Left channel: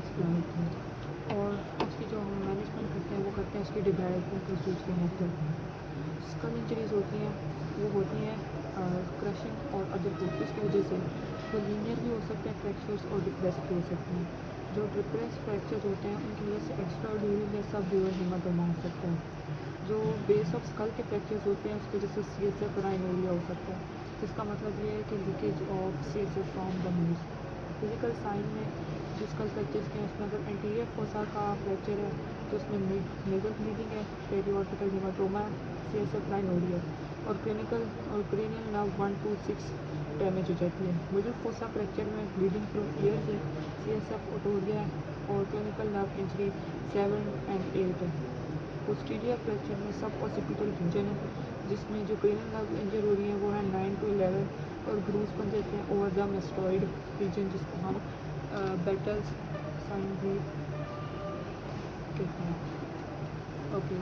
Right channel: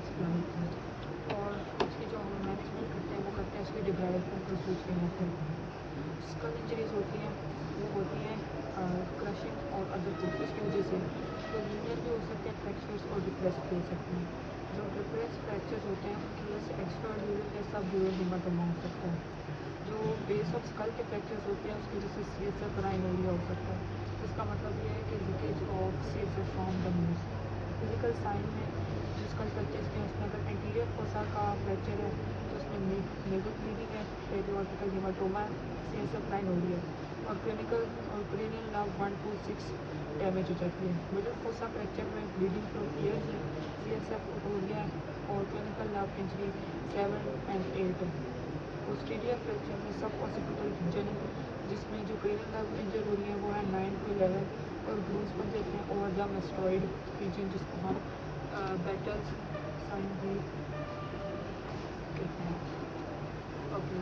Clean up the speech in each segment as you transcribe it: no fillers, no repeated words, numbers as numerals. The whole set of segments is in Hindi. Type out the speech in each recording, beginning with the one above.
एक्सप्लेन होती है। और उसकी जो मैनेजमेंट होते हैं वो करते हैं उसकी डेवलपमेंट रिसर्च के मेथड। स्कल इंजरीज होती हैं वो होती हैं क्रशिंग और अदर फोर्सेस की वजह से। तो लीनियर भी हो सकते हैं फ्रैक्चर्स और डिप्रेस भी हो सकते हैं। जो डिप्रेस फ्रैक्चर्स होते हैं उनकी वजह से एक्स्ट्रा ड्यूरल या सब ड्यूरल हेमाटोमा हो सकता है। जो बेस ऑफ स्कल के फ्रैक्चर्स होते हैं उसकी वजह से सीएसएफ ग्राइन एरिया हो सकता है। इसका मतलब ये है कि leakage of CSF from the nose. Clinical sign में जो स्कल फ्रैक्चर्स के उसमें अगर इंटीरियर फोसा का फ्रैक्चर है तो उसमें नेजल ब्लीडिंग है, पेरिऑर्टिकल हेमाटोमा, सीएसएफ ग्राइन एरिया। और क्लिनिकल और क्रेनियल नर्व 1 to 6 डैमेज हो जाती है। मिडिल फोसा फ्रैक्चर में ब्लीडिंग फ्लो क्लियर है, सीएसएफ ऑटोरिया और क्लिनिकल नर्व इंजरी 7 and 8 है। पोस्टीरियर फ्रैक्चर में सब ऑसिपिटल रीजन है जिसमें जो पेनल नर्व इंजर हो रही है वो है 9 to 11 और ग्रूव्स बन जाते हैं और द मेस्टॉइड रीजन जिसको हम बेटल्स साइन भी कहते हैं। ओके,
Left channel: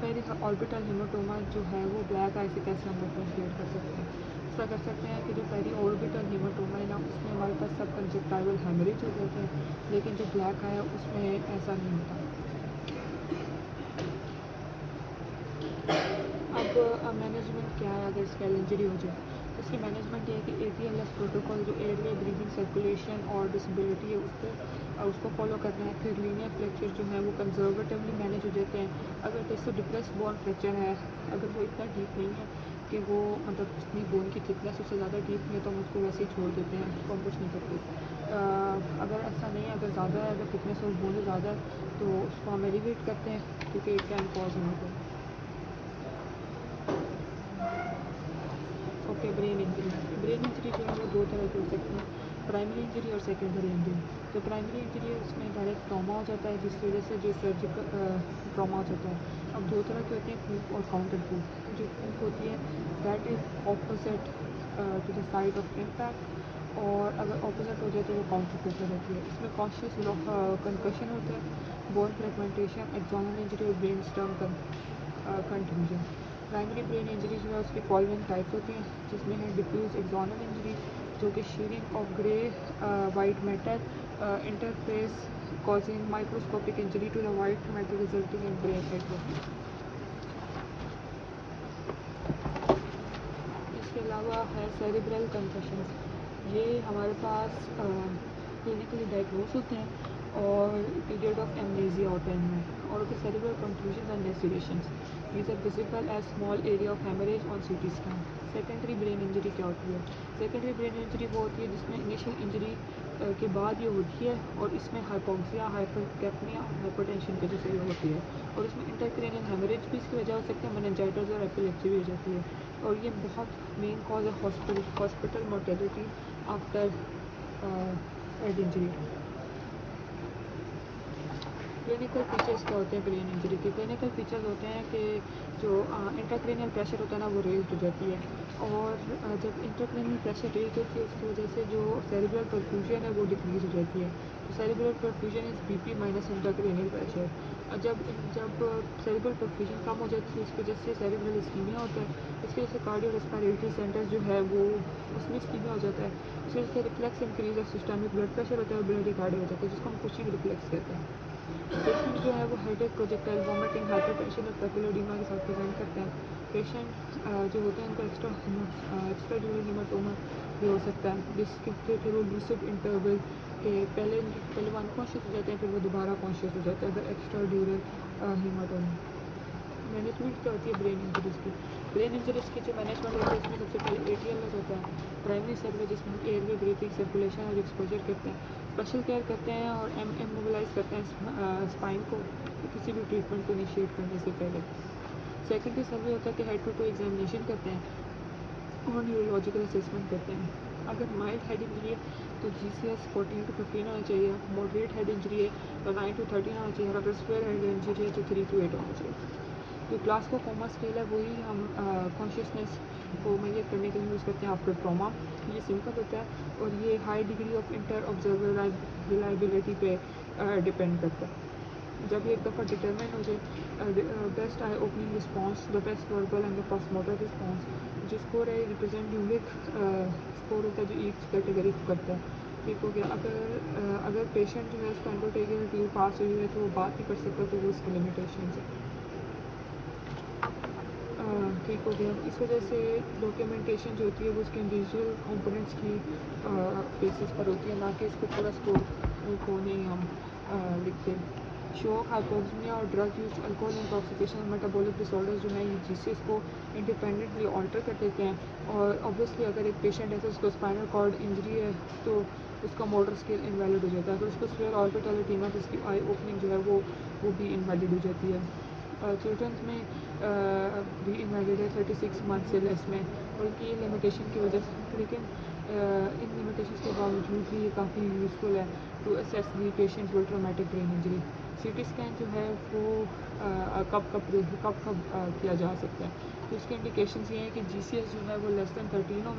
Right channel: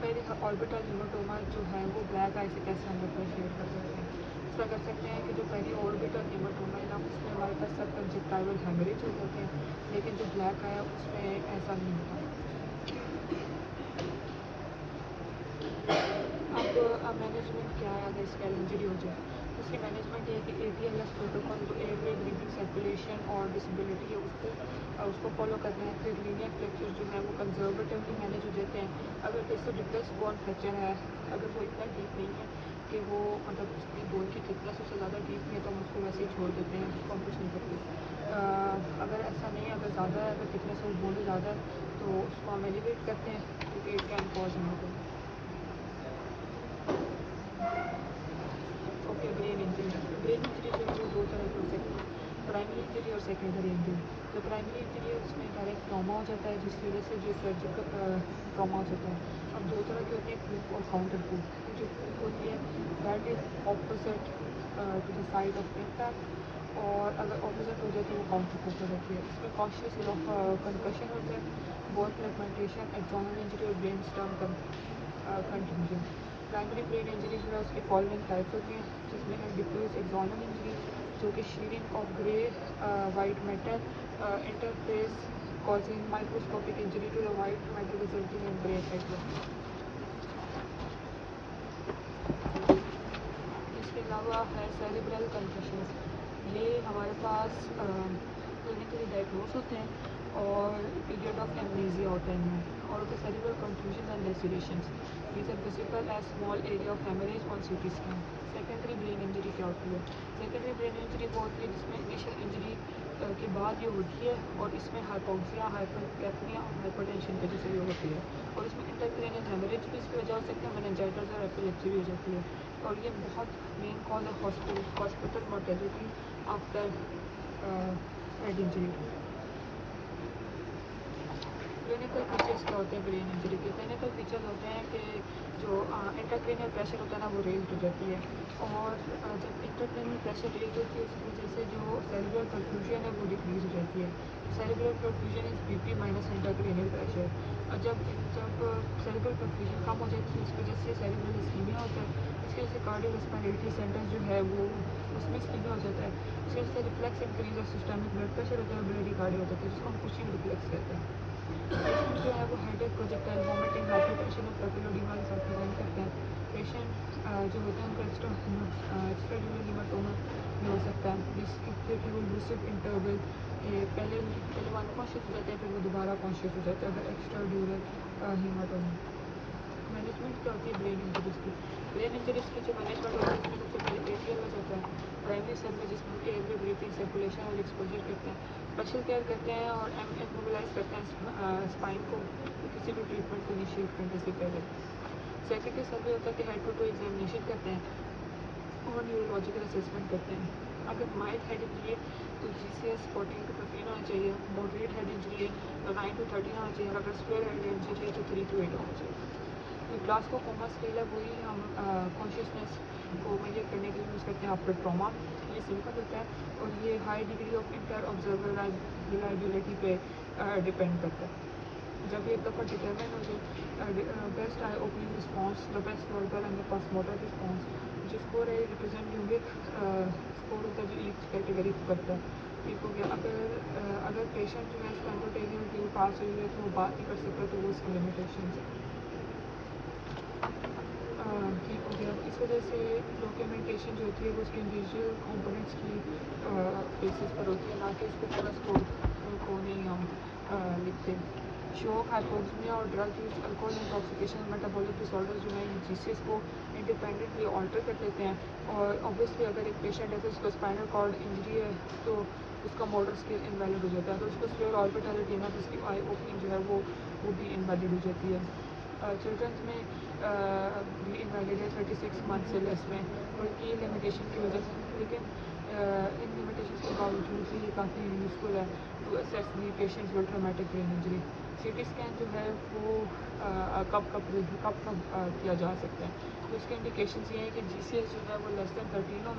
पहले का ऑर्बिटल हेमाटोमा जो है वो ब्लैक आई से कैसे हम लोग शेयर कर सकते हैं। इसका कर सकते हैं कि जो पहले ऑर्बिटल हेमाटोमा है उसमें हमारे पास सब कंजक्टाइवल हेमरेज हो जाते हैं, लेकिन जो ब्लैक है उसमें ऐसा नहीं होता। अब मैनेजमेंट क्या है अगर स्केल इंजरी हो जाए तो उसकी मैनेजमेंट है कि ATLS प्रोटोकॉल जो एयरवे ब्रीदिंग सर्कुलेशन और डिसेबिलिटी है उसको फॉलो करनी है। फिर लीनियर फ्रैक्चर जो है वो कंजर्वेटिवली मैनेज हो जाते हैं। अगर जैसे डिप्रेस बोन फ्रैक्चर है, अगर वो इतना डीप नहीं है कि वो मतलब उसमें बोन की थिकनेस उससे ज़्यादा डीप नहीं है तो हम उसको वैसे ही छोड़ देते हैं, उसको हम कुछ नहीं करते। अगर ऐसा नहीं है, अगर ज़्यादा है, अगर थिकनेस और बोन ज़्यादा है तो उसको हम एलिवेट करते हैं क्योंकि it can cause haematoma. Okay, brain injury जो है वो दो तरह की हो सकती है, प्राइमरी इंजरी और सेकेंडरी इंजरी। जो प्राइमरी इंजरी है उसमें डायरेक्ट ट्रॉमा हो जाता है जिस वजह से जो सर्जिकल ट्रॉमा हो जाता है। अब दो तरह के होते हैं, क्रूप और काउंटर क्रूप। तो जो क्रूप होती है that is opposite to the side of impact और अगर ऑपोजिट हो जाती है तो काउंटर क्रूप हो जाती है। इसमें कॉन्शियस कंप्रेशन होते हैं, बोन फ्रेगमेंटेशन, एक्सॉनल इंजरी और brain stem contusion. Primary brain injury जो है उसके फॉलोइंग टाइप्स होते हैं जिसमें है डिफ्यूज एक्सॉनल इंजरी जो कि shearing of grey white matter interface causing microscopic injury to the white matter resulting in grey fracture. इसके अलावा है सेरिब्रल कंकशन। ये हमारे पास क्लिनिकली डायग्नोस होते हैं और पीरियड ऑफ एमनेसिया होते हैं और the cerebral confusion and lacerations these are visible as small area of haemorrhage on CT scan. Secondary brain injury क्या होती है? सेकेंडरी ब्रेन इंजरी वो होती है जिसमें इनिशियल इंजरी के बाद ये होती है और इसमें हाइपोक्सिया, हाइपोटेक्निया और हाइपोटेंशन की वजह से ये होती है और इसमें इंटरक्रेनियल हेमरेज भी इसकी वजह हो सकता है, मेनिंजाइटिस और एपिलेप्सी भी हो जाती है और ये बहुत मेन कॉज है hospital mortality after head injury. Clinical features क्या होते हैं ब्रेन इंजरी के? क्लिनिकल फीचर्स होते हैं कि जो इंट्राक्रेनियल प्रेशर होता है ना वो रेज हो जाती है और जब इंट्राक्रेनियल प्रेशर रेज होती है उसकी वजह से जो सेरिब्रल परफ्यूजन है वो डिक्रीज हो जाती है। Cerebral perfusion is BP minus intracranial pressure. जब सेरिब्रल परफ्यूजन कम हो जाती है उसकी वजह से सेरिब्रल इस्कीमिया होता है। इसकी वजह से कार्डियो रेस्पिरेटरी सेंटर जो है वो उसमें इस्कीमिया हो जाता है। उसकी वजह से reflex increase of systemic blood pressure होता है, ब्रेडिकार्डिया हो जाता है जिसको हम फिशिंग रिफ्लेक्स कहते हैं। पेशेंट जो है वो हेडेक, प्रोजेक्टाइल वॉमिटिंग, हाइपरटेंशन और पैपिलोएडिमा के साथ प्रेजेंट करते हैं। पेशेंट जो होते हैं उनका एक्स्ट्रा ड्यूरल हेमाटोमा भी हो सकता है जिसके केवल लूसिड इंटरवल के पहले वो अनकॉन्शियस हो जाते हैं फिर वो दोबारा कॉन्शियस हो जाते हैं अगर एक्स्ट्रा ड्यूरल हेमाटोमा। मैनेजमेंट क्या होती है ब्रेन इंजरीज की? ब्रेन इंजरीज की जो मैनेजमेंट होती है उसमें सबसे पहले ATLS होता है, प्राइमरी सर्वे जिसमें एयर में ब्रीथिंग, सर्कुलेशन और एक्सपोजर करते हैं, स्पेशल केयर करते हैं और मोबिलाइज करते हैं स्पाइन को किसी भी ट्रीटमेंट को इनिशिएट करने से पहले। सेकेंडरी सर्वे होता है कि हेड टू टू एग्जामिनेशन करते हैं और न्यूरोलॉजिकल असेसमेंट करते हैं। अगर माइल्ड हेड इंजरी है तो GCS 14 to 15 होना चाहिए, मॉडरेट हेड इंजरी है तो 9 to 13 होना चाहिए, अगर स्क्वायर हेड इंजरी है तो 3 to 8 होना चाहिए। जो ग्लासगो कोमा स्केल है वही हम कॉन्शियसनेस को मेजर करने के लिए यूज़ करते हैं आफ्टर ट्रॉमा। ये सिंपल होता है और ये high degree of inter observer reliability पे डिपेंड करता है। जब ये एक दफ़ा डिटरमाइन हो जाए best I opening response, the best verbal and the first motor response, जो स्कोर है रिप्रेजेंट यूनिट स्कोर होता है जो ईच कैटेगरी करता है। ठीक हो गया। अगर पेशेंट जो है इसका अंडरटेकिंग के पास हुई है तो वो बात नहीं कर सकते, तो वो इसकी लिमिटेशन है। ठीक हो गया। इस वजह से डॉक्यूमेंटेशन जो होती है वो उसके इंडिविजुअल कंपोनेंट्स की बेसिस पर होती है, ना कि इसके पूरा स्कोप को नहीं हम लिखते। शॉक, हाइपोक्सिया और drug use, alcohol intoxication, metabolic disorders जो है जीसीएस को इंडिपेंडेंटली ऑल्टर कर देते हैं। और ऑब्वियसली अगर एक पेशेंट है तो उसको स्पाइनल कॉर्ड इंजरी है तो उसका मोटर स्किल इनवैलिड हो जाता है, तो उसको स्वेयर ऑर्बिटल एडिमा जिसकी आई ओपनिंग जो है वो भी इनवैलिड हो जाती है। चिल्ड्रंस में भी इनवैलिड है 36 मंथ से लेस में, उनकी लिमिटेशन की वजह से। लेकिन इन लिमिटेशन के बावजूद भी ये काफ़ी यूज़फुल है to assess the patients with traumatic brain injury. CT scan जो है वो कब किया जा सकता है, तो उसके इंडिकेशन ये हैं कि जीसीएस जो है वो लेस दैन 13 हो,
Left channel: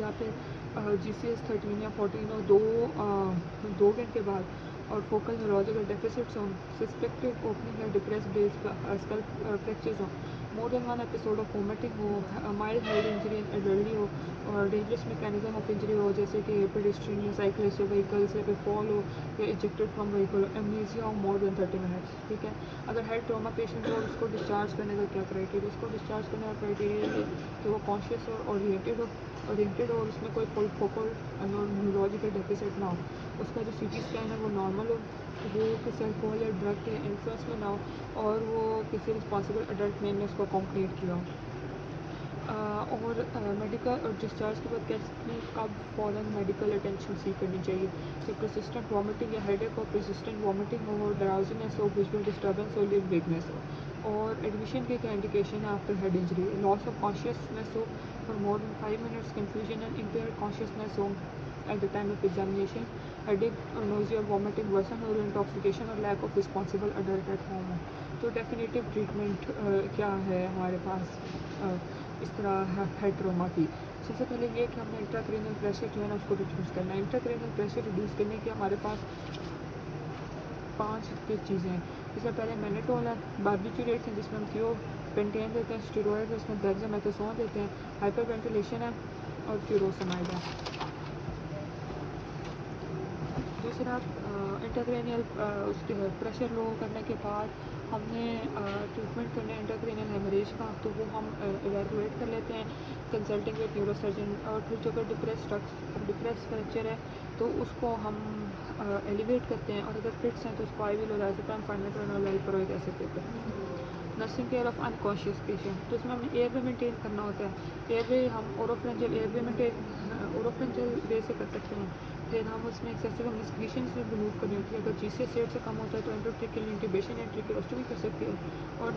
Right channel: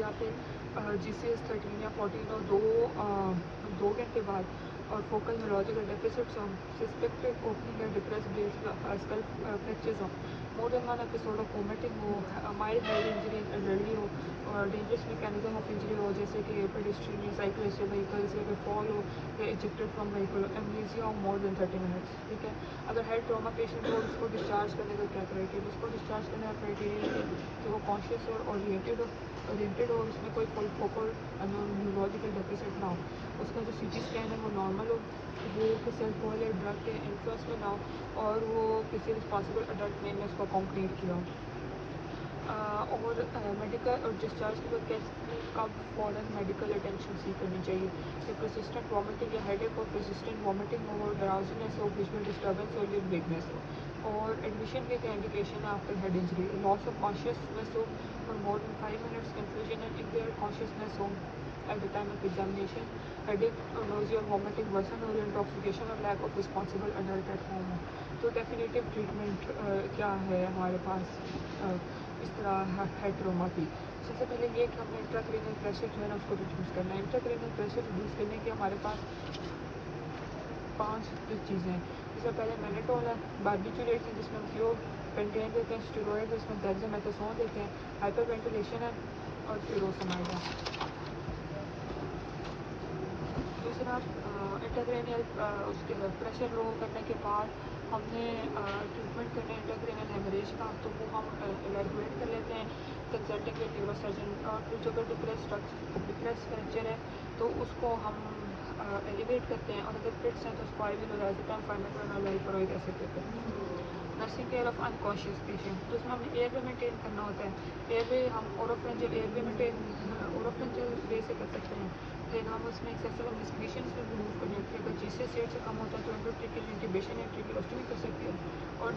या फिर जीसीएस 13 या 14 हो 2 घंटे बाद, और फोकल न्यूरोलॉजिकल डेफिसिट्स हो, सस्पेक्टेड ओपनिंग या डिप्रेस बेस स्कल फ्रैक्चर्स हो, more than one episode of vomiting हो, माइल्ड हेड इंजरी एल्डरली हो, और डेंजरस मैकेनिज्म ऑफ इंजरी हो जैसे कि पेडेस्ट्रियन या साइक्लिस्ट या व्हीकल्स या फॉल हो या इजेक्टेड फ्रॉम व्हीकल, एमनेसिया हो मोर देन 30 मिनट्स। ठीक है, अगर हेड ट्रॉमा पेशेंट है उसको डिस्चार्ज करने का क्या क्राइटेरिया, उसको डिस्चार्ज करने का क्राइटेरिया है तो वो कॉन्शियस और ओरिएंटेड और उसमें कोई फोकल न्यूरोलॉजिकल डेफिसिट ना हो, उसका जो सीटी स्कैन है वो नॉर्मल हो, वो किसी अल्कोहल या ड्रग के इन्फ्लुएंस में ना हो, और वो किसी रिस्पॉन्सिबल एडल्ट में इसको कंप्लीट किया हो। और मेडिकल और डिस्चार्ज के बाद कैसे अब फ़ौरन मेडिकल अटेंशन सीख करनी चाहिए। तो परसिस्टेंट वॉमिटिंग या हेडेक और परसिस्टेंट वॉमिटिंग हो, ड्राउजीनेस हो, विजुअल डिस्टर्बेंस हो, लिव वीकनेस हो, और एडमिशन के क्या इंडिकेशन है after head injury, loss of consciousness हो और more than 5 minutes, confusion and impaired consciousness हो at the time of examination, headache, nausea, vomiting, worsen or intoxication और lack of responsible adult at home हो। तो डेफिनेटिव ट्रीटमेंट क्या है हमारे पास इस तरह हेड ट्रॉमा की। सबसे पहले ये कि हमें इंट्राक्रेनियल प्रेशर जो है उसको रिड्यूस करना है। इंट्राक्रेनियल प्रेशर रिड्यूस करने के हमारे पास 5 चीज़ें हैं। इससे पहले मैनिटोल है, बार्बिट्यूरेट है जिसमें फ्लो कंटेन देते हैं, स्टेरॉइड है जिसमें डेक्सामेथासोन देते हैं, हाइपरवेंटिलेशन है और फ्यूरोसिनाइड है। दूसरा इंट्राक्रेनियल उसके प्रेशर लो करने के बाद हमने ट्रीटमेंट करना है इंट्राक्रेनियल हेमरेज का, तो वो हम इवैल्यूएट कर लेते हैं कंसल्टिंग विद न्यूरोसर्जन। और फिर जो डिप्रेस फ्रैक्चर है तो उसको हम एलिवेट करते हैं, और अगर फिट्स हैं तो उसको आईवी लोराज़ेपाम, फाइनाटोनाइल ऐसे करते हैं। Nursing care of unconscious patient, तो उसमें हमें एयरवे मेंटेन करना होता है। एयरवे हम ओरोफ्रेंजल एयरवे मेंटेन ओरोफ्रेंजल वे से कर सकते हैं। फिर हम उसमें एक्सेसिव इन्वेस्टिगेशन में रिमूव करनी होती है। अगर जीसीएस रेट से कम होता है तो एंडोट्रेकियल इंट्यूबेशन या ट्रेकियोस्टोमी कर सकती है, और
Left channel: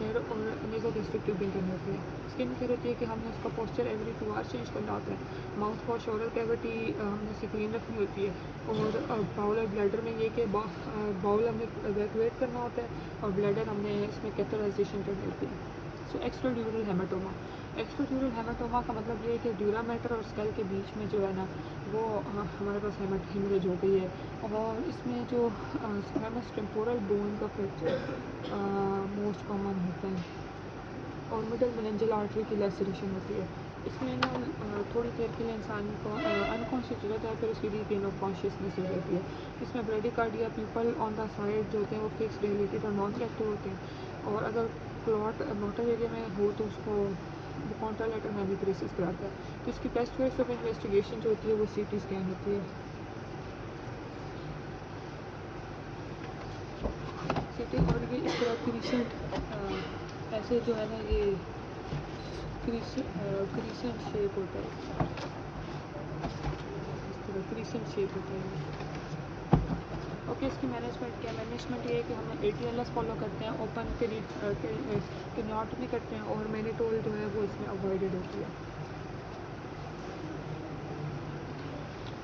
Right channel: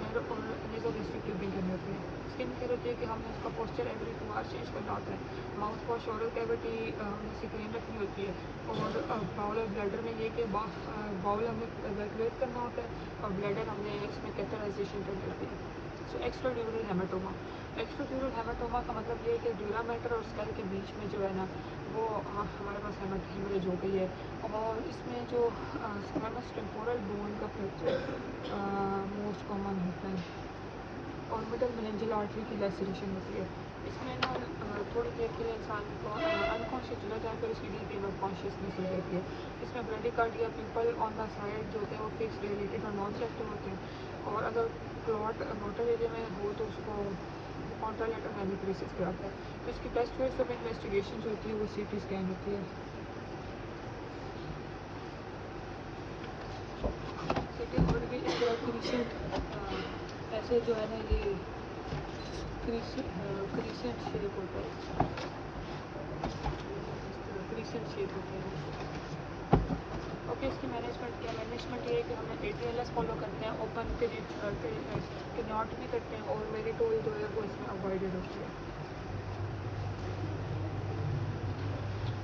नेज़ोगैस्ट्रिक ट्यूबिंग करनी होती है। स्किन केयर होती है कि हमने उसका पोस्चर एवरी 2 आवर्स चेंज करना होता है। माउथ और शोल्डर कैविटी हमने क्लीन रखनी होती है, और बाउल और ब्लैडर में ये कि बाउल हमें इवैक्यूएट करना होता है और ब्लैडर हमने इसमें कैथराइजेशन करनी होती है। सो एक्स्ट्राड्यूरल हेमाटोमा, एक्स्ट्राड्यूरल हेमाटोमा का मतलब ये है कि ड्यूरा मैटर और स्कल के बीच में जो है ना वो हमारे पास हेमरेज हो गई है, और इसमें जो स्क्वेमस टेम्पोरल बोन का फ्रैक्चर मोस्ट कॉमन होता है, और मिडल मेनिंजल आर्टरी की लैसरेशन होती है। इसमें ना थोड़ी देर के लिए इंसान को अनकॉन्शियस हो जाता है, फिर उसकी रीगेन ऑफ कॉन्शियसनेस हो जाती है। इसमें bradycardia people on the side जो होते हैं वो फिक्स डायलेटेड और नॉन रिएक्टिव होते हैं, और अगर क्लॉट मोटर एरिया में हो तो उसको कॉन्ट्रालेटरल मैनिप्रेसिस कराते हैं। तो इसकी बेस्ट वेज ऑफ इन्वेस्टिगेशन जो होती है वो सीटी स्कैन होती है। सीटी और भी इस तरह की रिसेंट ऐसे जो है ना ये क्रीसेंट शेप होता है, क्रीसेंट शेप होता है। ओके, इसकी मैनेजमेंट क्या, मैनेजमेंट ये है कि हम ATLS फॉलो करते हैं, ओपन पीरियड करते हैं, तो नॉट में करते हैं, और मैनिटोल जो है वो इसमें अवॉइडेड होती है।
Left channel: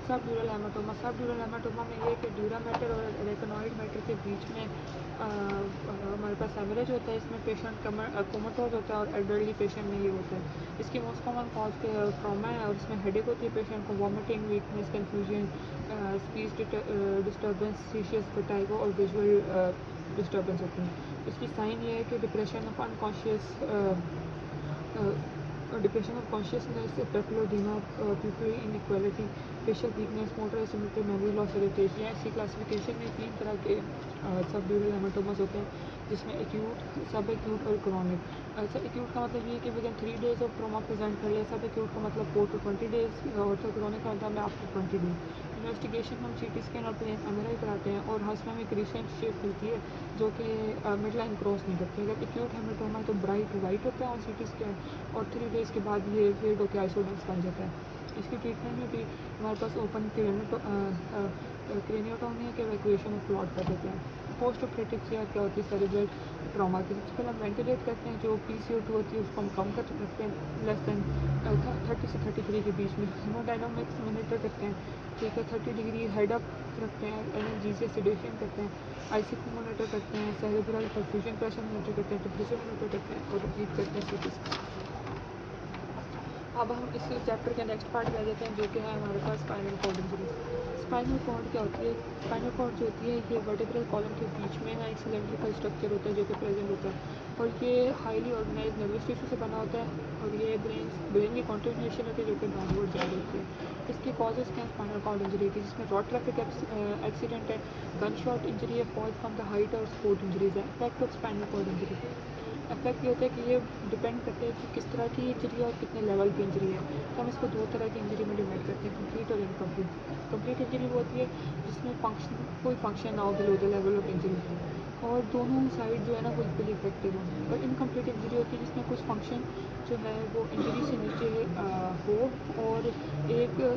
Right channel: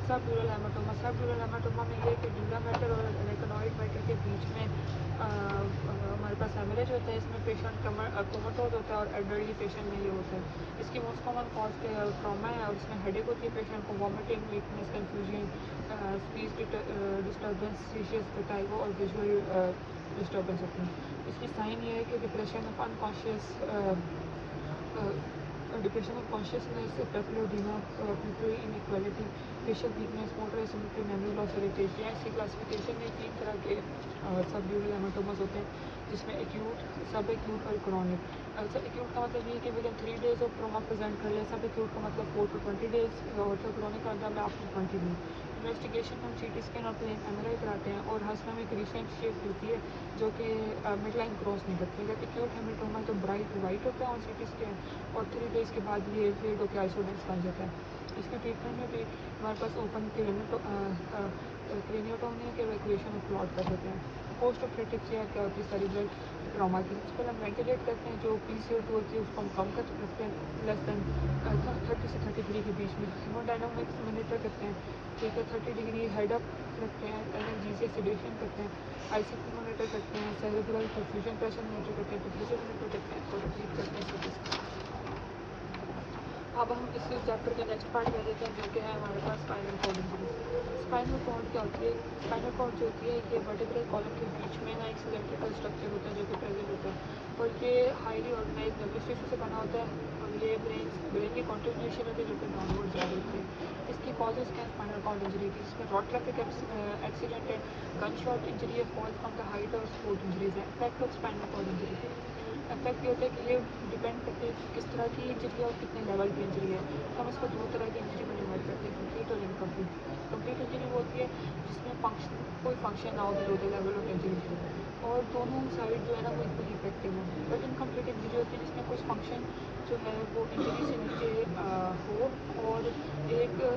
सब ड्यूरल हेमाटोमा में ये कि ड्यूरा मैटर और रेटिनोइड मैटर के बीच में हमारे पास हेमरेज होता है। इसमें पेशेंट कोमाटोज होता है, और एल्डरली पेशेंट में ये होता है। इसकी मोस्ट कॉमन कॉज ट्रॉमा है, और इसमें हेडेक होती है पेशेंट को, vomiting, weakness, confusion, speech disturbance, सीशियस विटाइगो और विजुअल डिस्टर्बेंस होती है। इसकी साइन ये है कि depression of unconscious depression of consciousness, papilloedema, pupil inequality, facial weakness, motor symmetry, memory loss, irritation. ऐसी क्लासिफिकेशन में 3 तरह के सब ड्यूरल हेमाटोमास होते हैं, जिसमें एक्यूट, सब एक्यूट और क्रॉनिक। सब एक्यूट का मतलब ये कि with in 3 days of trauma present कर ले। सब एक्यूट का मतलब 4 to 20 days, और क्रॉनिक का मतलब आफ्टर 20 days। इन्वेस्टिगेशन हम CT स्कैन और प्लेन MRI कराते हैं, और मसला में एक रिसेंट शिफ्ट होती है जो कि मिड लाइन क्रॉस नहीं करती है। एक्यूट हेमाटोमा तो ब्राइट वाइट होता है ऑन CT स्कैन, और 3 days के बाद ये फेड होकर आइसोडेक्स बन जाता है। इसके ट्रीटमेंट में भी हमारे पास ओपन क्रेनियोटोमी के इक्वेशन प्लॉट कर देते हैं। पोस्ट ऑपरेटिव केयर क्या होती है सेरेब्रल ट्रॉमा की, उसके बाद वेंटिलेट करते हैं। जो PCO2 होती है उसको हम कम कर सकते हैं, लेस देन 30 से 33 के बीच में। हेमोडायनामिक्स मॉनिटर करते हैं, ठीक है, 30 डिग्री हेड अप रखते हैं, एनर्जीसिया सेडेशन करते हैं, ICP मॉनिटर करते हैं, सेरेब्रल परफ्यूजन प्रेशर मॉनिटर करते हैं, डिफ्यूजन मॉनिटर करते हैं, तो ट्रीट करते हैं CT स्कैन। अब हम इस चैप्टर के नेक्स्ट पार्ट में देते हैं, जो कि है हमारे पास spinal cord injury. Spinal cord क्या होती है? स्पाइनल कॉर्ड जो होती है ये वर्टेब्रल कॉलम के बीच में ना एक सिलेंड्रिकल स्ट्रक्चर होता है जो कि प्रेजेंट होता है, और ये हाईली ऑर्गेनाइज नर्वस टिश्यू से बना होता है, और ये ब्रेन की कॉन्ट्रीब्यूशन होती है जो कि बाहर जा रही होती है। इसकी कॉजेज क्या है? स्पाइनल कॉर्ड इंजरी की, जिसमें रोड ट्रैफिक एक्सीडेंट है, गन शॉट इंजरी है, फॉल फ्रॉम द हाइट और स्पोर्ट इंजरीज है। Effect of spinal cord injury, effect ये होता है कि ये डिपेंड करते हैं कि किस तरह की इंजरी है और कितने लेवल की इंजरी है। तो हम इसको 2 तरह की इंजरी में डिवाइड करते हैं, कंप्लीट और इनकम्प्लीट। कंप्लीट इंजरी वो होती है जिसमें कोई फंक्शन ना हो below the level of injury, और दोनों साइड जो है ना वो इक्वली इफेक्टिव है। और इनकम्प्लीट इंजरी होती है जिसमें कुछ फंक्शन जो है वो इंजरी से नीचे हो, और एक या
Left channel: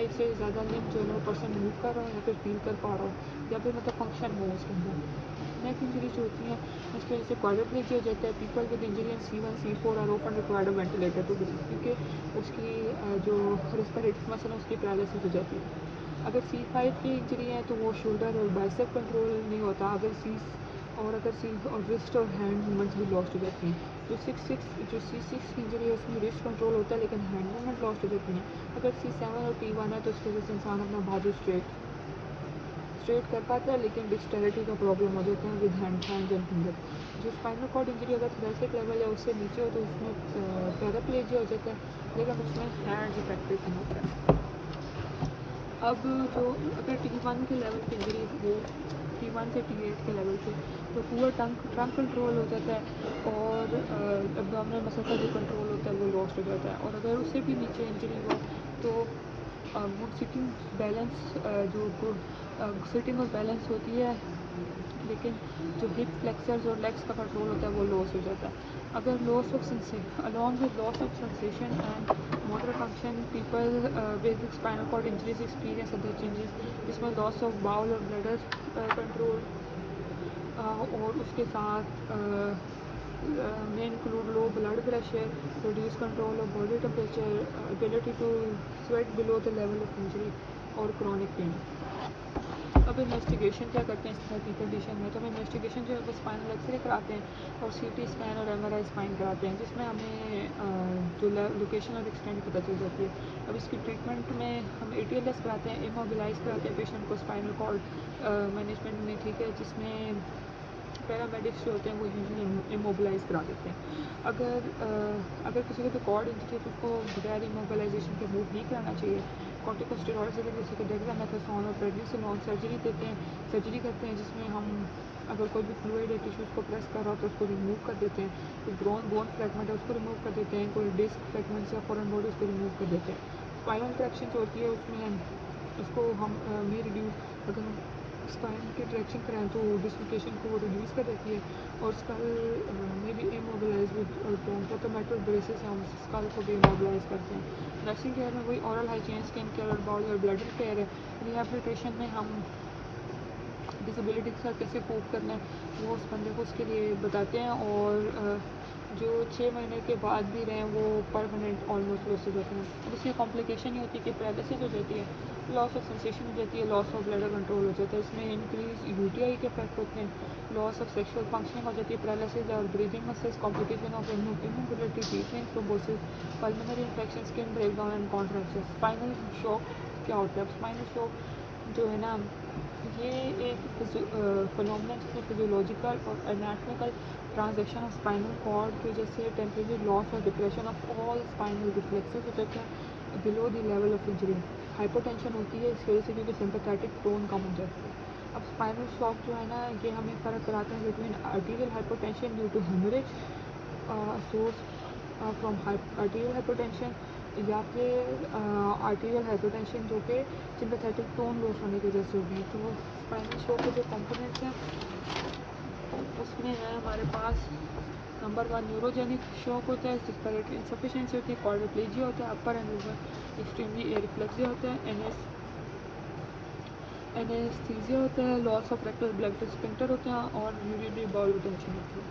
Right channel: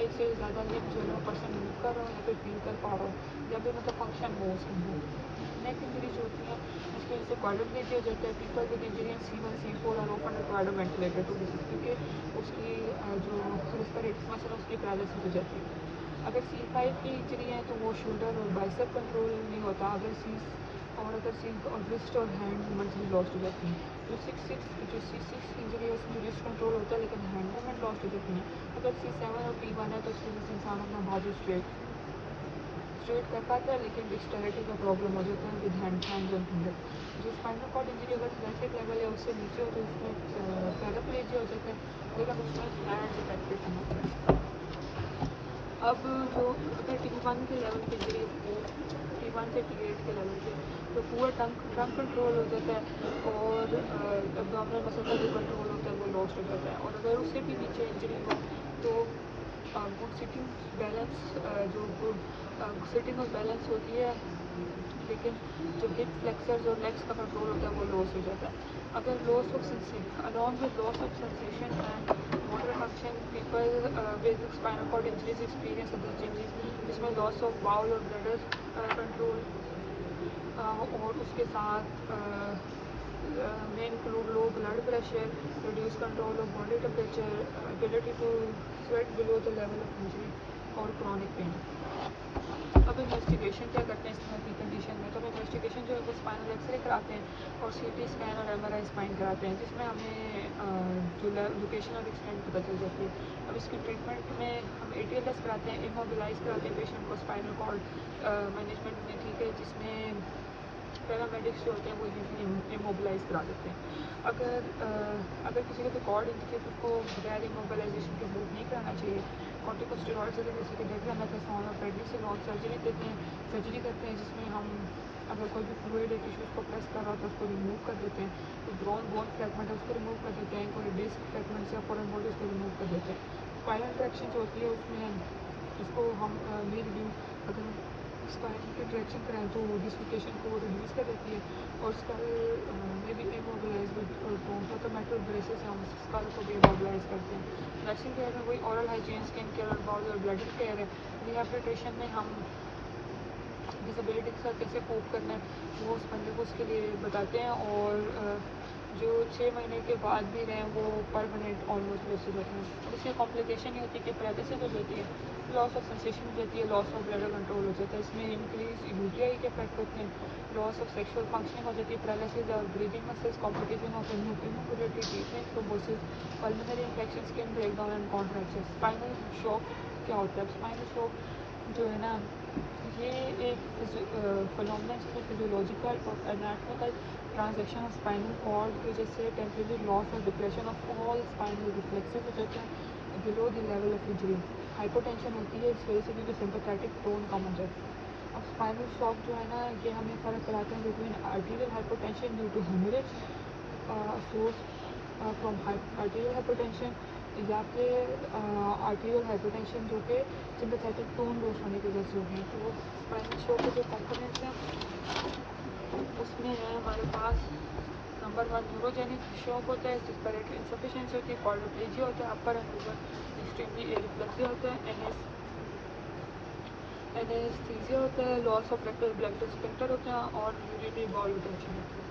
एक से ज़्यादा एक जो है पर्सन मूव कर रहा हो या फिर फील कर पा रहा हो, या फिर मतलब फंक्शन हो उसके अंदर। नेक इंजरी जो होती है उसकी वजह से क्वाड्रिप्लेजिया हो जाता है। People with injury in C1, C4 और open required ventilator to because क्योंकि उसकी जो रेस्पिरेटरी मसल है उसकी पैरालिसिस हो जाती है। अगर C5 की इंजरी है तो वो शोल्डर और बाइसेप कंट्रोल नहीं होता। अगर रिस्ट और हैंड मूवमेंट्स भी लॉस्ट हो जाती हैं। जो C6 की इंजरी है उसमें रिस्ट कंट्रोल होता है लेकिन हैंड मूवमेंट लॉस्ट हो जाती हैं। अगर C7 और P1 है तो उसकी वजह से इंसान अपना बाजू स्ट्रेट कर पाता है, लेकिन डिस्टेलिटी का प्रॉब्लम हो जाता है विद हैंड एंड फिंगर। जो स्पाइनल कॉर्ड इंजरी अगर बेसिक लेवल है उससे नीचे हो तो उसमें पैराप्लेजिया हो जाता है, लेकिन उसमें फ्लैट इफेक्टिव नहीं होता है। अब जो अगर T1 के लेवल की इंजरी है, T1 से T8 के लेवल की, तो पूरा टंग कंट्रोल हो जाता है, और एब्डोमिनल मसल का जो कंट्रोल होता है वो लॉस्ट हो जाता है। और अगर उससे भी नीचे इंजरी हो तो वो सिटिंग बैलेंस सिटिंग और बैलेंस होती है, लेकिन जो हिप फ्लेक्सर्स और लेग्स का कंट्रोल होता है वो लॉस हो जाता है। अगर loss of along with loss of sensation and motor function, people with spinal cord injuries experience other changes, जिसमें लॉस ऑफ बाउल और ब्लैडर कंट्रोल, और उसके साथ में include low blood pressure, reduce control of body temperature, ability to sweat below the level of injury, और क्रॉनिक पेन। अब इन्वेस्टिगेशन क्या करते हैं इस तरह की कंडीशन में? तो हम इन्वेस्टिगेशन जो है वो स्पाइनल एक्सरे कराते हैं और CT स्कैन और MRI स्पाइन कराते हैं, जिसमें हमें जो लोकेशन और एक्सटेंट पता चल जाती है। और इसके ट्रीटमेंट में हम ATLS कराते हैं, इमोबिलाइज कराते हैं पेशेंट को स्पाइनल कॉर्ड मैनेजमेंट में, ठीक है, जिसमें पैरामेडिक्स जो होते हैं वो यूजुअली इमोबिलाइज करा देते हैं। अगर किसी को भी कॉर्ड इंजरी है तो उसको बगैर इमोबिलाइजेशन के मूव नहीं कराना चाहिए। कॉर्टिकोस्टेरॉइड्स जैसे कि डेक्सामेथासोन और प्रेडनिसोलोन सर्जरी करते हैं, जिसमें हम अगर कोई भी फ्लूइड है टिश्यूज़ को प्रेस कर रहा है तो उसको रिमूव कर देते हैं। कोई बोन फ्रैगमेंट है उसको रिमूव कर देते हैं, कोई डिस्क फ्रैगमेंट है फॉरन बोर्ड उसको रिमूव कर देते हैं। स्पाइनल ट्रैक्शन जो होती है उसमें उसको हम अगर स्पाइन की ट्रैक्शन कराएं तो डिस्लोकेशन को रिड्यूस कर देती है, और स्कल में भी इमोबिलाइज तो मेटल ब्रेसेस हम स्कल को भी इमोबिलाइज करते हैं। ड्रेसिंग केयर में वही ऑरल हाइजीन, स्किन केयर और ब्लडिंग केयर है। रिहैबिलिटेशन में हम डिसेबिलिटी के साथ कैसे कोप करना है वो उस बंदे को उसके लिए बताते हैं, और जो 6 महीने के बाद भी रहे वो परमानेंट ऑलमोस्ट लॉस हो जाते हैं। इसकी कॉम्प्लिकेशन ये होती है कि पैरालिसिस हो जाती है, लॉस ऑफ सेंसेशन हो जाती है, लॉस ऑफ ब्लड कंट्रोल हो जाता है, इसमें इंक्रीज UTI के इफेक्ट होते हैं, लॉस ऑफ सेक्सुअल फंक्शनिंग हो जाती है, पैरालिसिस और breathing muscles, complication of immunity, treatment thrombosis, pulmonary infection, skin breakdown and contraction. Spinal shock क्या होता है? स्पाइनल शॉक जो है ना ये एक फिनोमेना जिसे फिजियोलॉजिकल और anatomical transaction of spinal cord तो जैसे temporary loss or depression of all spinal reflexes हो जाते हैं below the level of injury। Hypertension होती है इस वजह से क्योंकि सिंपैथेटिक टोन कम हो जाता है। अब स्पाइनल शॉक जो है ना ये हमें फ़र्क कराते हैं between arterial hypertension due to hemorrhage source from arterial hypertension या फिर आर्टीरियल हाइपरटेंशन जो कि सिंपैथेटिक टोन लूज होने की वजह से होगी। तो वो स्पाइनल शॉक के जो कंपोनेंट्स हैं उसमें है हमारे पास नंबर 1 न्यूरोजेनिक शॉक होता है जिस पर इनसफिशिएंसी होती है, क्वाड्रिप्लेजिया होता है, अपर एक्सट्रीमली एरिप्लेक्सिया होता है, एनेस्थीसिया होता है, loss of rectal blood spectre होता है और यूरिनरी बाउल रिटेंशन होती है।